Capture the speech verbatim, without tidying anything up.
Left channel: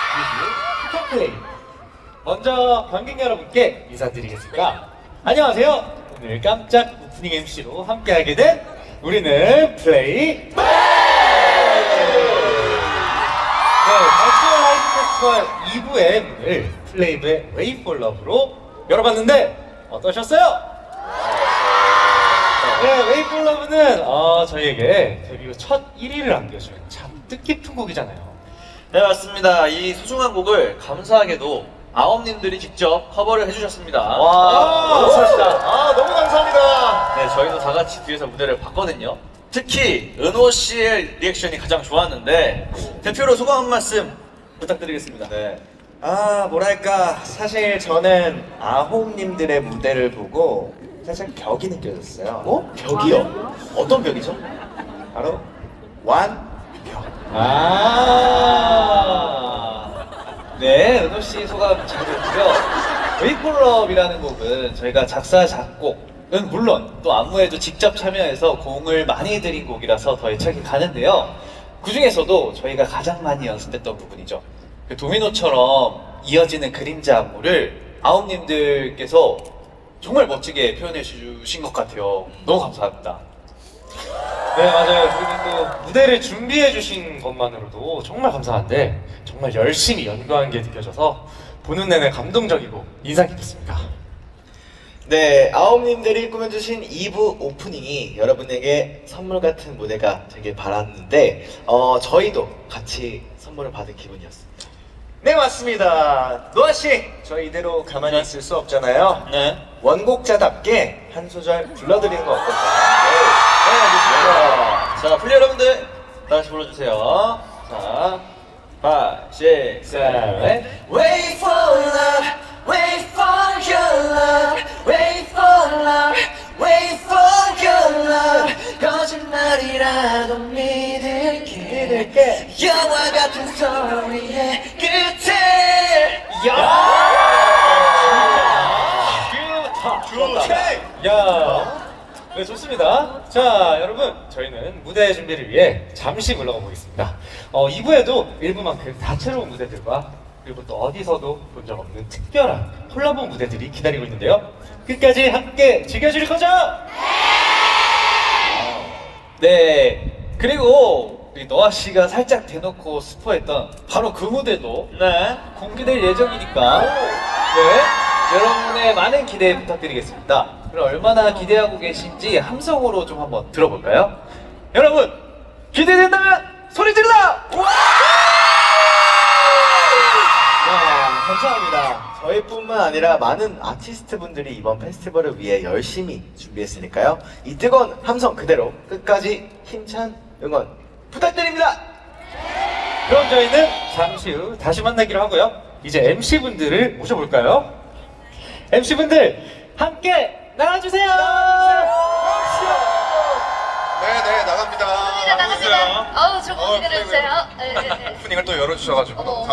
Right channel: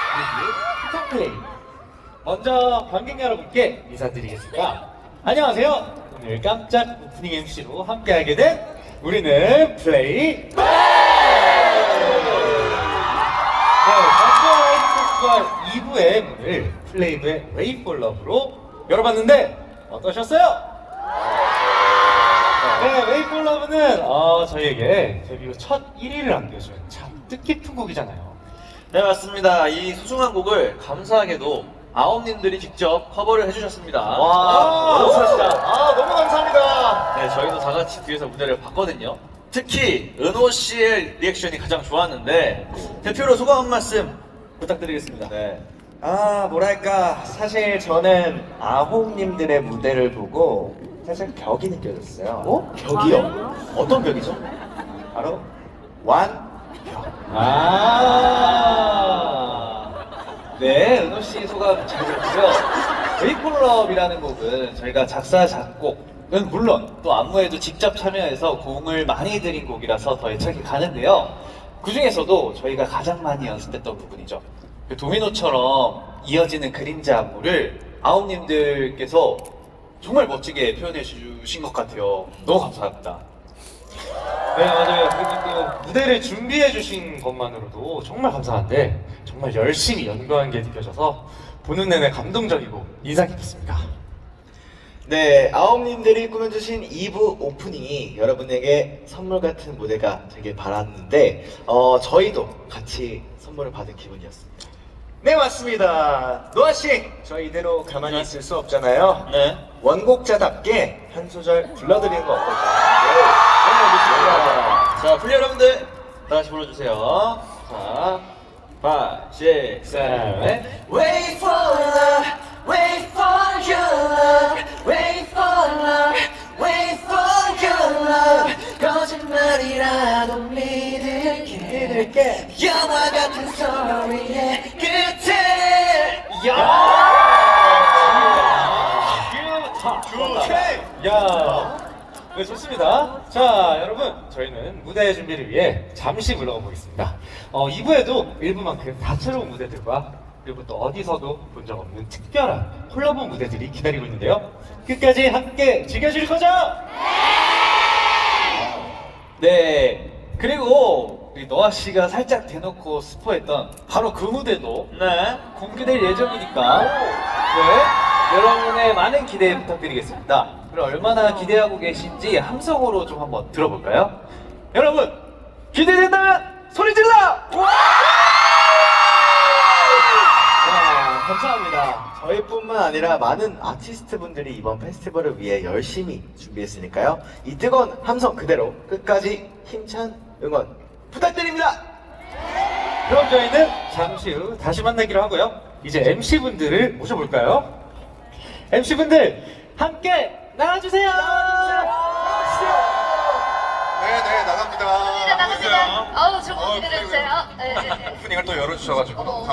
뮤직 플레이. 먼저 관객 여러분께 인사드리겠습니다. 안녕하세요. 오늘 깜짝 오프닝 엠시로 함께하게 된 우리는 플레이. 네, 버추얼 라이브 페스티벌 이 부의 문을 플레이브의 Wait for Love로 열어봤는데 어떠셨어요? 네, Wait for Love는 어, 저희에게 데뷔 후 첫 일 위를 안겨준 참 뜻깊은 곡이잖아요. 네, 맞습니다. 이 소중한 곡을 감사하게도 아홉님들이 직접 커버를 해주셨습니다. 와, 감사합니다. 아, 너무 감사합니다. 네, 저희도 다 같이 뒤에서 무대를 봤거든요. 특히 은호 씨의 리액션이 가장 좋았는데 대표로 소감 한 말씀 부탁드리겠습니다. 네. 아, 뭐랄까. 사실 저는 아홉님들의 무대를 보고 사실 벽이 느껴졌어요. 어? 벽이요? 어떤 벽이죠? 바로 완. 아, 네, 은호 씨 소감 잘 들었고요. Wait for Love이라는 곡은 저희가 작사, 작곡은 물론 또 안무에도 직접 참여해서 공을 많이 들인 곡이라서 더 애착이 가는데요. 그 중에서도 저희가 가장 많이 연습했던 부분이죠. 그 도미노처럼 이어지는 그림자 안무를 아홉님들께서 정말 멋지게 표현해 주신 것 같아요. 너무 감사합니다. 네, 맞아요. 그리고 그 무대를 준비해 주신 것만으로도 정말 감사한데 정말 열심히 연구한 게 느껴져서 보는 내내 감동적이고 인상 깊었습니다. 네, 아홉님들이 꾸며주신 이 부 오프닝이 여러분에게 선물 같은 무대가 되길 바랐는데 어, 저희도 같이 선물을 받은 기분이었습니다. 네, 맞습니다. 노아 씨, 저희 이대로 가만히 있을 수 없잖아요. 네. 원곡자답게 한 소절 불러드리는 거 어떨까요? 네, 알겠습니다. 자, 플레이 여러분들 다 같이 불러주세요. 자, five, six, seven, eight. Wait for love, wait for your love, wait for love, wait for your love. 거짓말이라도 믿을게, 믿을게. 영화 같은 소리의 끝에. 야, 네, 좋습니다. 자, 여러분, 저희는 무대 준비를 위해 잠시 물러가 보겠습니다. 어, 이 부에도 일부만큼 다채로운 무대들과 그리고 또 어디서도 본 적 없는 특별한 콜라보 무대들이 기다리고 있는데요. 끝까지 함께 즐겨줄 거죠? 네. 그리고 우리 노아 씨가 살짝 대놓고 스포했던 바로 그 무대도 네. 공개될 예정이니까 네, 여러분의 많은 기대 부탁드리겠습니다. 그럼 얼마나 기대하고 계신지 함성으로 좀 한번 들어볼까요? 여러분 기대된다면 소리 질러! 와, 감사합니다. 저희뿐만 아니라 많은 아티스트 분들이 이번 페스티벌을 위해 열심히 준비했으니까요. 이 뜨거운 함성 그대로 끝까지 힘찬 응원 부탁드립니다. 그럼 저희는 잠시 후 다시 만나기로 하고요. 이제 엠씨분들을 모셔볼까요? 엠씨분들 함께 나와주세요! 네네 나갑니다. 나갑니다. 어우, 조금 기다려주세요. 네, 네, 네. 오프닝을 또 열어주셔가지고 어머, 어머.